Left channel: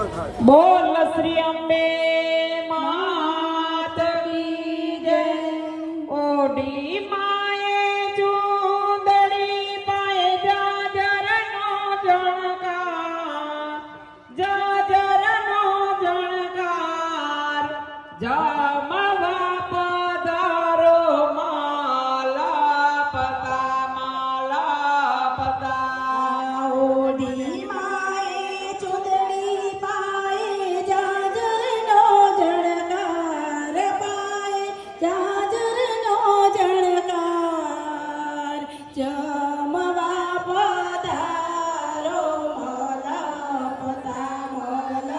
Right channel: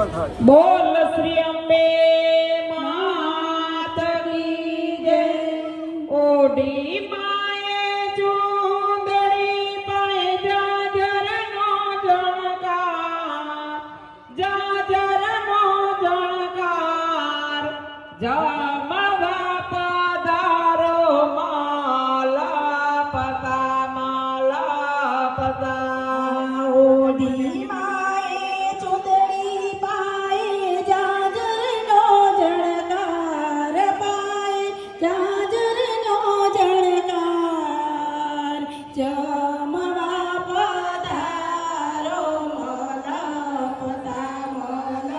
બોલ શ્રી અંબે માત કી જય. ઓઢી માએ ચૂંદડી પાએ જાજરનો જણકાર, જાજરનો જણકાર. જમવા પધારો માલા પતા, માલા પતા. ઓઢી માએ ચૂંદડી પાએ જાજરનો જણકાર, પાએ જાજરનો જણકાર. જમવા પધારો માલા પતા, માલા પતા.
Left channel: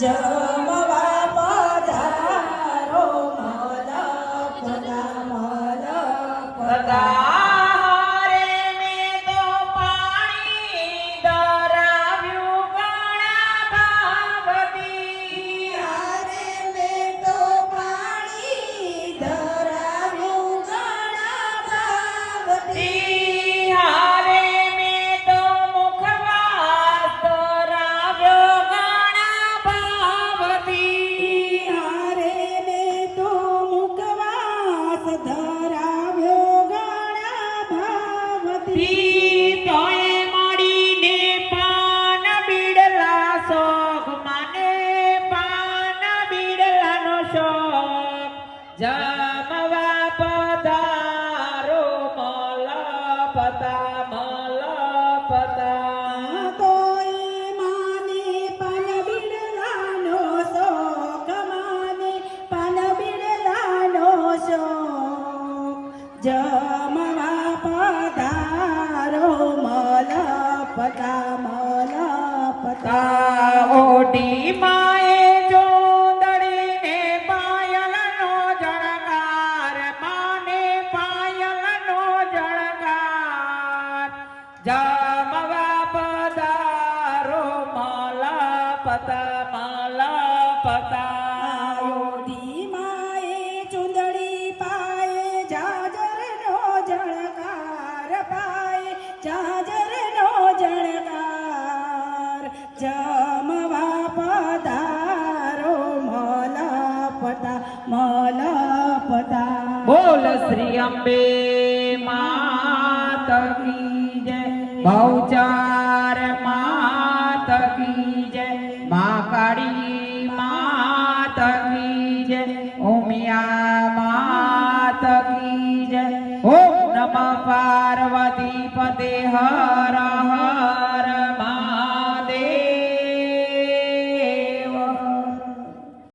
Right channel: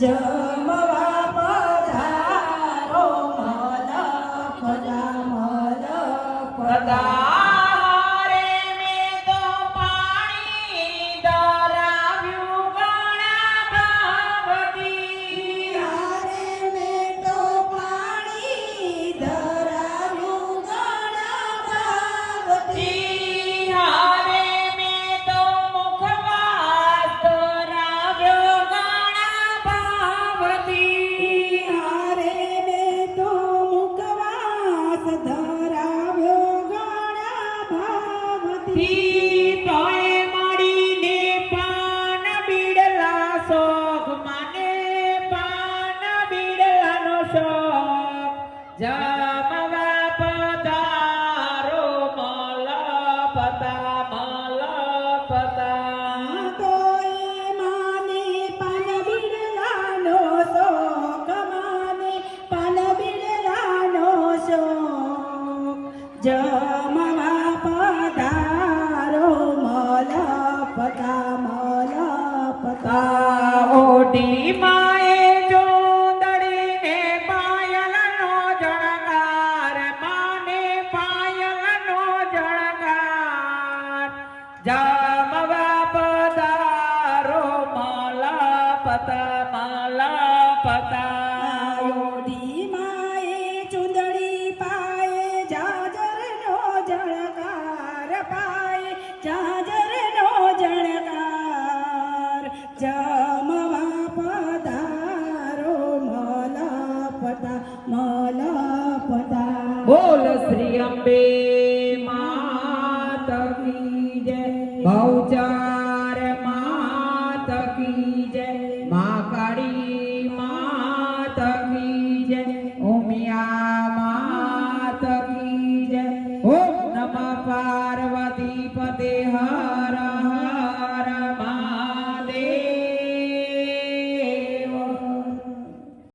જમવા પધારો મલપતા મલપતા તારે મેં તો પાણી ધરાવ્યું ઘણા ભાવથી. યારે મેં તો પાણી ધરાવ્યું ઘણા ભાવથી. હારે મેં તો મુખવાસ ધરાવ્યો ઘણા ભાવથી. યારે મેં તો મુખવાસ ધરાવ્યો ઘણા ભાવથી. તોય મળીને પાન બીડલા શોખ મને પાન બીડલાનો શોખ. જમવા પધારો મલપતા મલપતા. કોઈ માને પાન બિરલાનો શોખ, માને પાન બિરલાનો શોખ. જમવા પધારો મલપતા મલપતા. ઓઢી માએ જોંદડીને પાયલનો જણકાર, માને પાયલનો જણકાર. જમવા પધારો મલપતા મલપતા. ઓઢી માએ ચૂંદડી પાયે જાજરનો જળકાર, પાયે જાજરનો જળકાર. જમવા પધારો મલપતા મલપતા. બોલ શ્રી અંબે માત કી જય, બહુચાર માત કી જય, મા કાળી